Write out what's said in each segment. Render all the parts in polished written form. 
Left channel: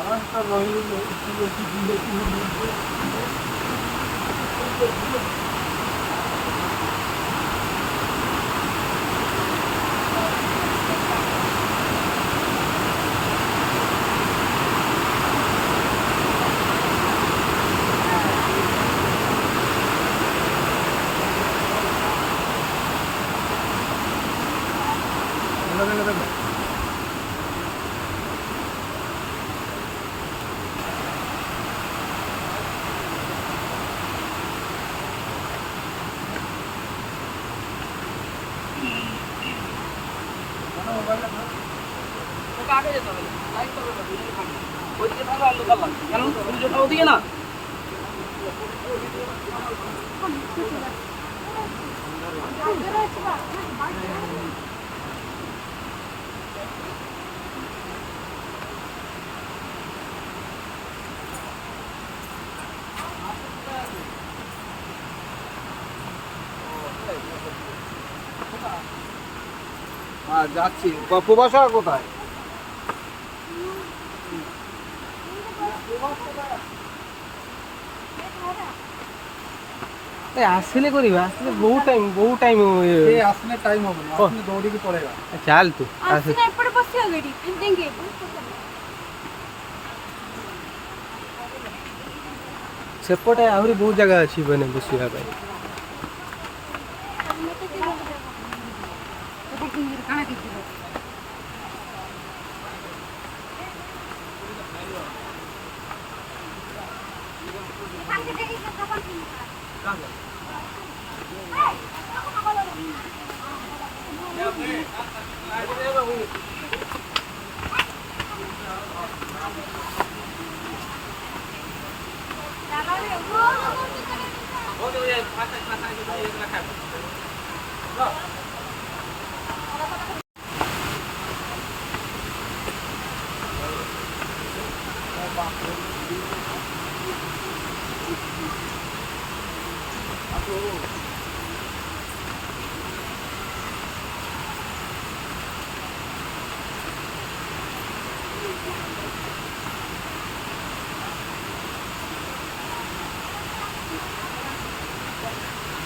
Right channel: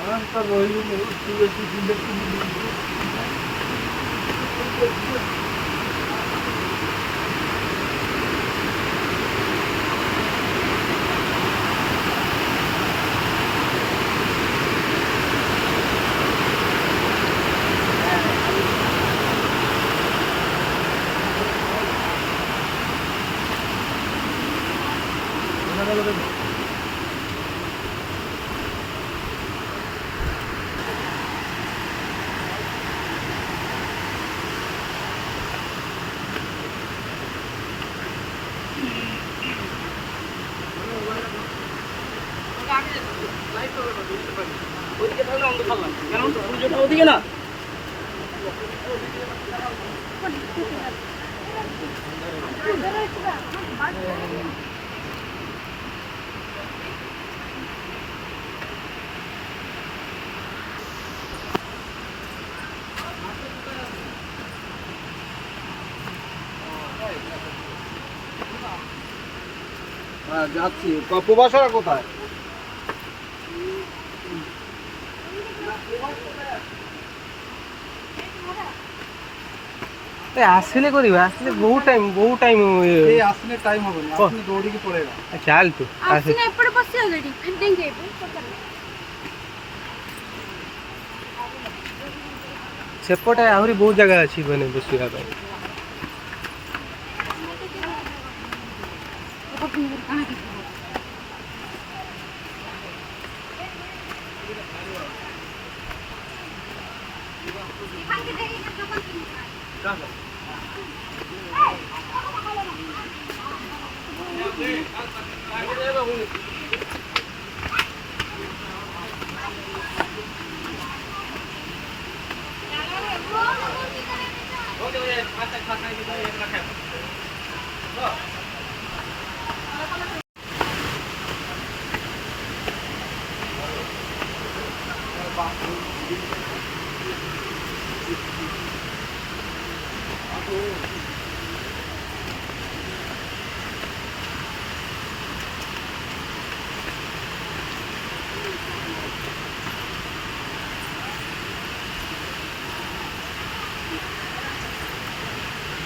ଆରାମ ତ ରହିଲୁ ওদিকে না যাচ্ছি প্রবাসীরা কোথায় আসলে করিবা আসলে বহু টাইম আসলে টাইম হবে না আপনি দৌড়িকে পড়েগা চাল তু আসলে এপড়ে বসিও গেಡಿ ফেন্ডेंगे ସେପଟେ ଆହୁରି ବହୁତ ଜାଗା ଅଛି ମାନେ ବସିବା ପାଇଁ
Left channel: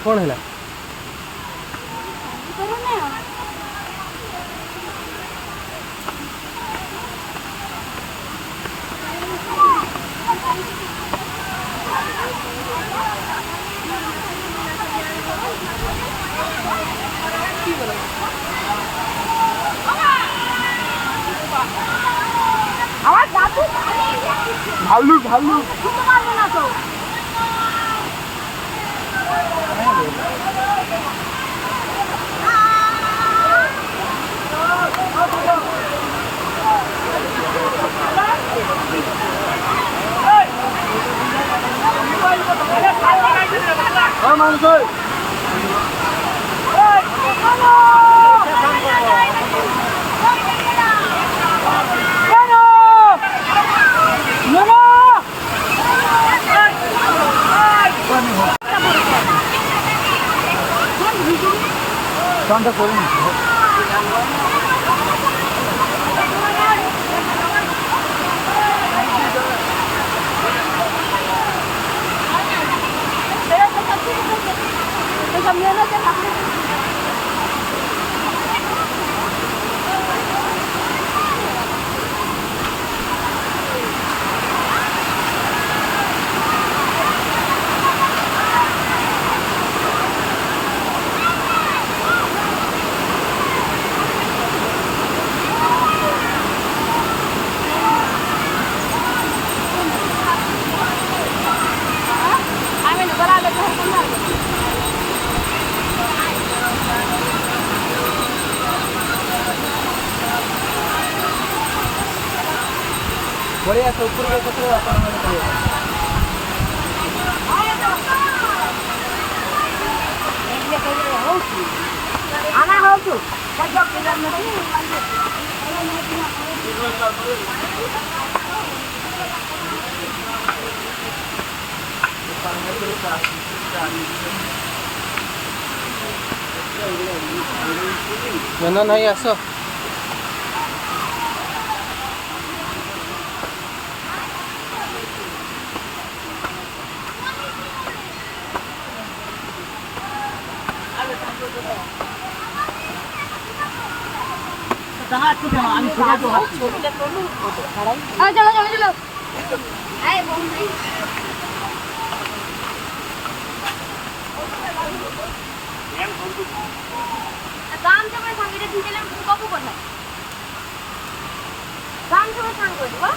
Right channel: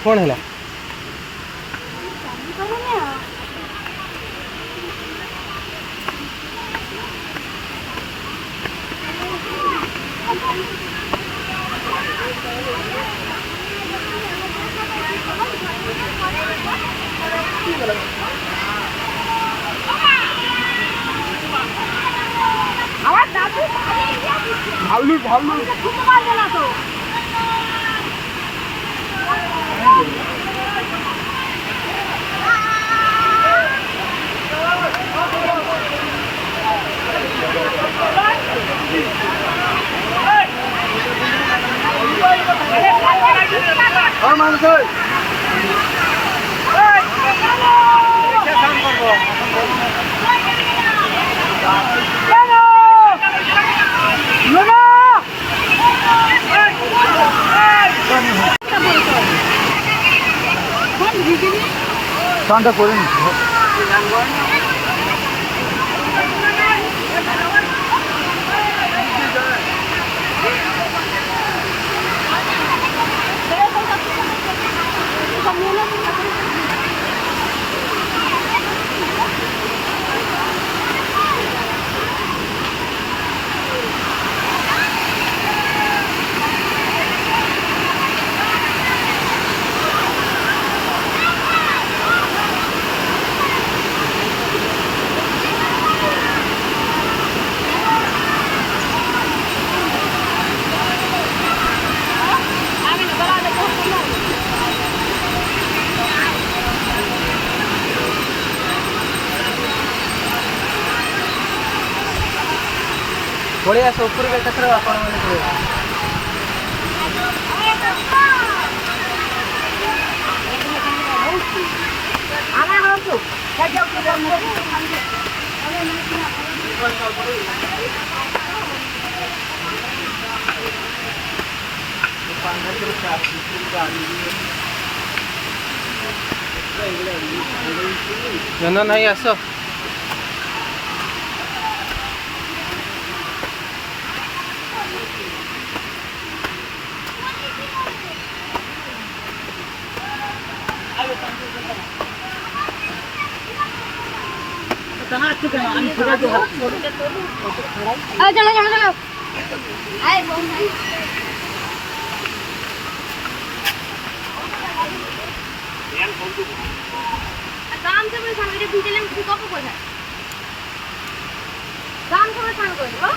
କଣ ହେଲା আমার দাদু ভাল্লুক ভাল্লুক খুঁজতে পারবে না তো মানুষ চানটা করে নিচ্ছি ବଢ଼ିଆ ସପୁରୀ କ୍ଷେତ୍ରରେ ଆପଣମାନେ କହିବେ আমার হচ্ছে ଜନ ନାହିଁ ଆସ चलो चलो चलो आए बम भाई काम से बस मेरे दिन चले तू कब को है काम से बस को हो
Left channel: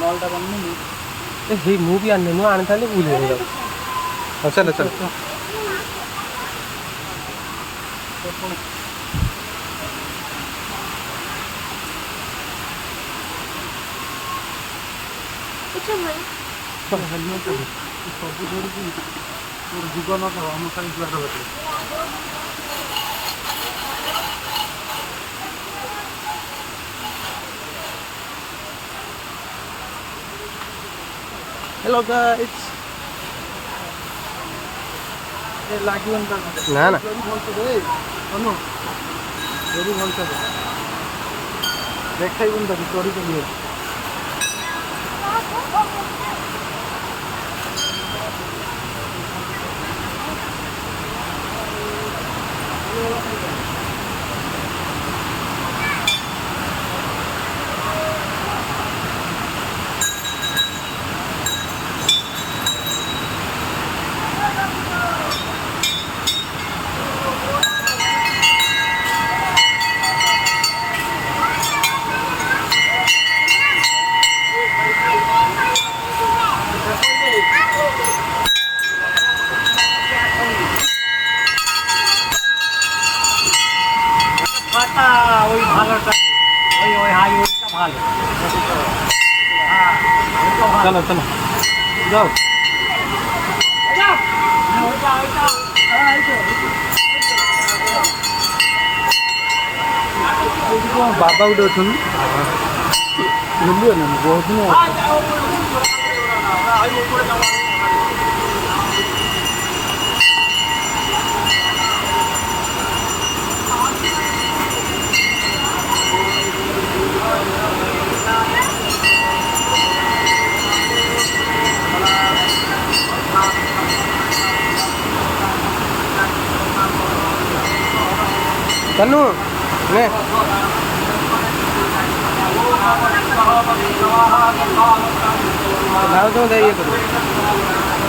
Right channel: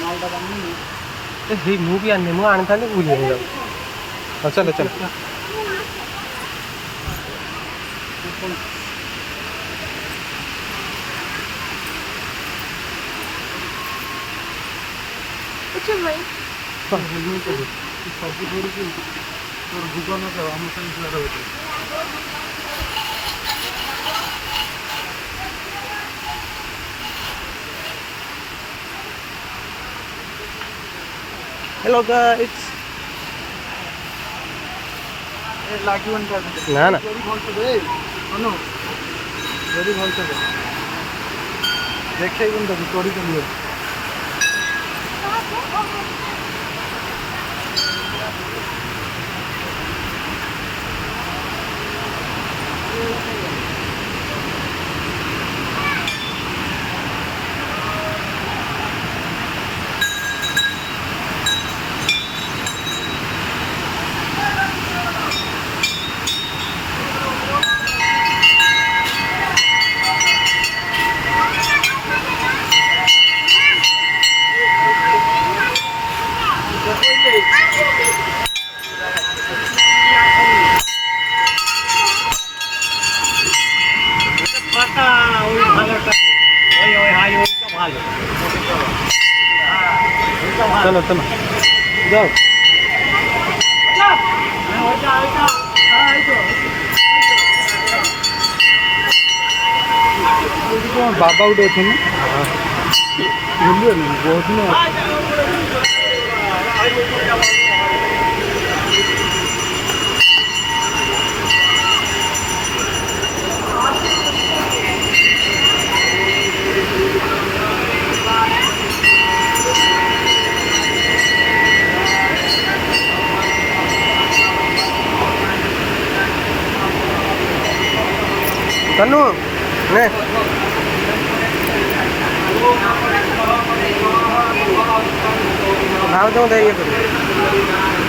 नलटा बंद हे ମୁଁ ବି ଆଣିନି ମୁଁ ଆଣିଥାନ୍ତି ଭୁଲି ଯାଉ ହଁ ଚାଲ ଚାଲ अच्छा भाई हेलमेट सब धरिकी तोर जीवन हम साइड द्वारा हेलो गाइस लागिवन ना ना जरी भलसे दे अनु जरी भलसे दे देखाइबन त स्टोरी त लियो चलो चलो जाओ बाबा गोटे अच्छा बुझलिए ना बहुत दिन कन्नू ने नाव जाऊँ धैर्य करो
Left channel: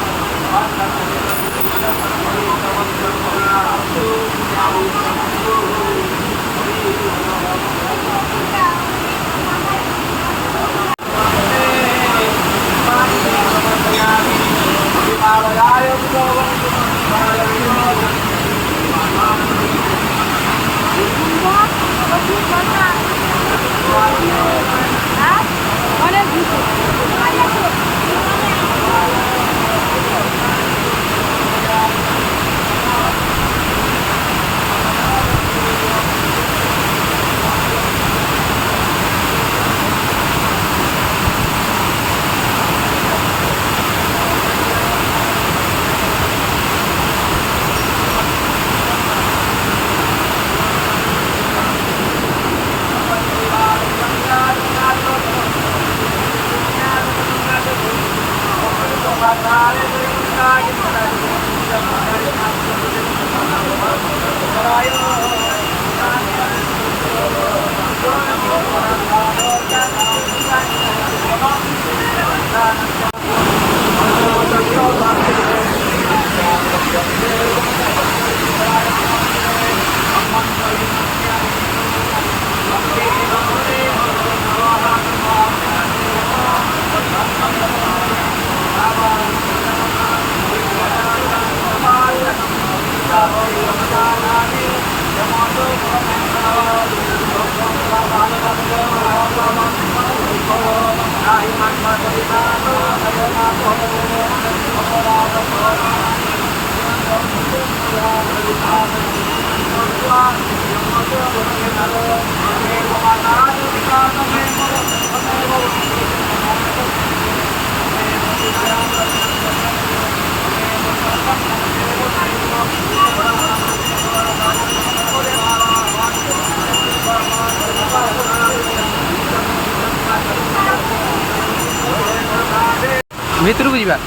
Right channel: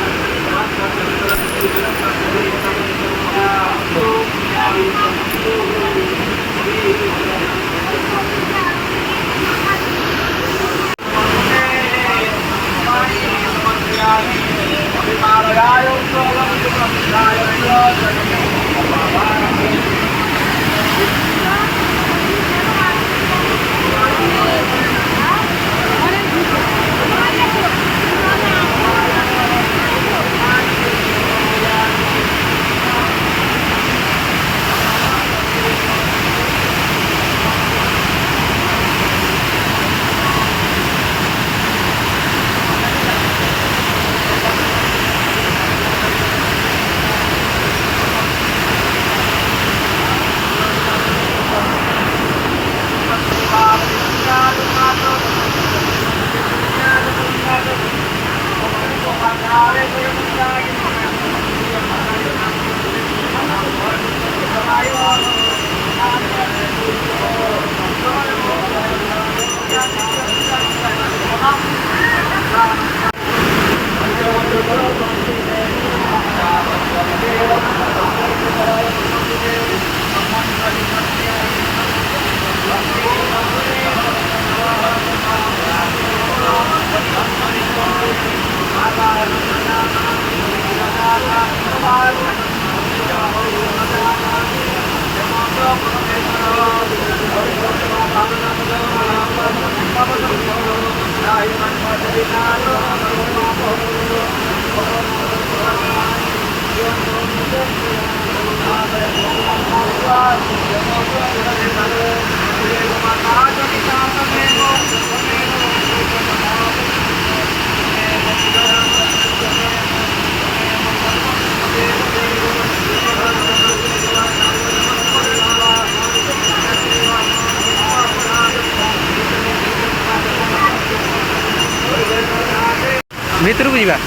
ଭିତରକୁ ଯିବା।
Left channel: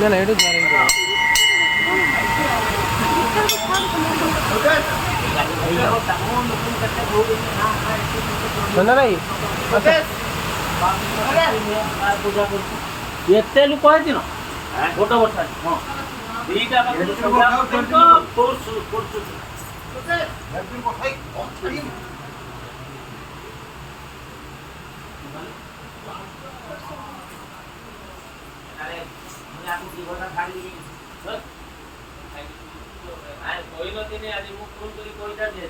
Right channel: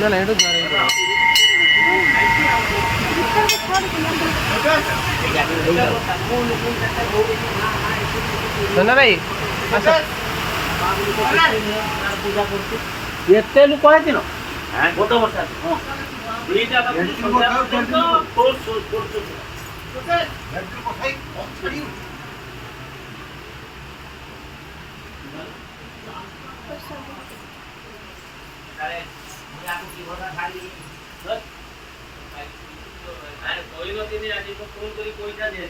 ନା ନା ଏଇଟା ଜଣେ ଧନ୍ୟ ଭାଇ ଆସ। ଏତେ ଲୋକ ହେଇଥିଲ ଗୋଟେ ବର୍ଷ ହଁ ଦିଟା କହିନଥିଲି ଆଜି ମୁଁ ଫୋନ କରି ପଇସା ଦିଏ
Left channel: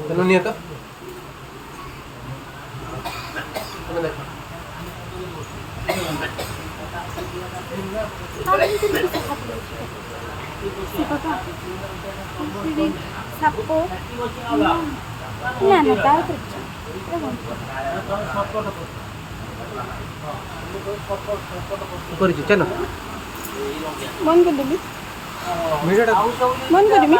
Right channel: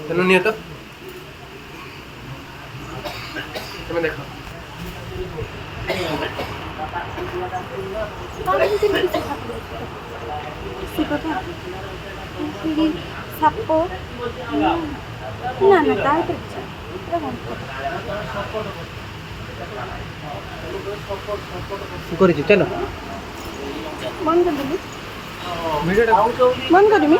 ତେଣୁ ନିଅ ତ ତମେ ଦେଖ। ସାପ ନା ନା ତା କରିଛି ଚାଲ ବନ୍ଦ କରିଦେବି ଭିଡ଼ିଓଟା ବନ୍ଦ କରିବି।